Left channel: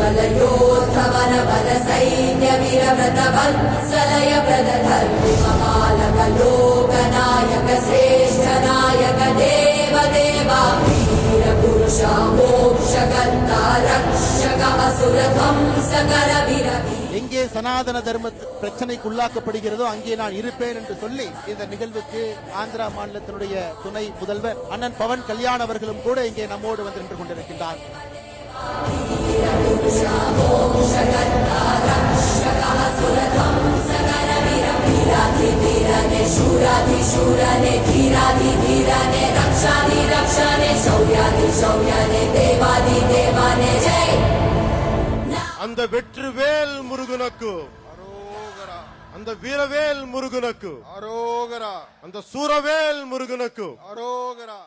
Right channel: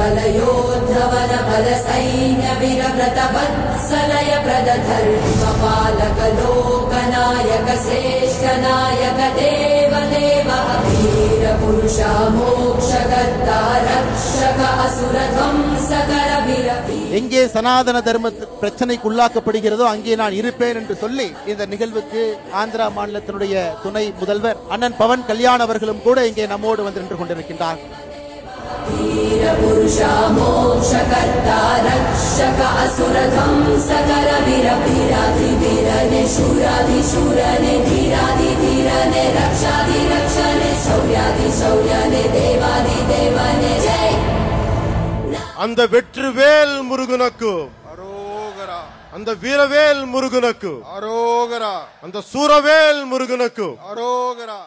बलयोद्धवन बल सैन्य वीरव्रत वत्सलय प्रदधर्मपालक लोकनायक श्रेष्ठ नायक देव देवा वीर पुरुषा मोक्षकर्ता रक्षक असुर ध्वंसकर वीरवी எங்கே சனாதன தர்ம பிரச்சனைக்கு உள்ளாக்கப்படுகிறதோ அங்கே நான் இருப்பேன் என்று சொல்லி இந்த நிகழ்வுக்கு ஆந்திரா மாநிலத்தினுடைய துணை முதல்வர் அண்ணன் பவன் கல்யாண் அவர்களும் கூட இங்கே நம்மோடு வந்து நின்று கொண்டிருக்கின்றார். அந்த வெற்றிவேல் முருகனுக்கு அரோகரா, அந்த வீரவேல் முருகனுக்கு அரோகரா, அந்த சூரவேல் முருகனுக்கு அரோகரா.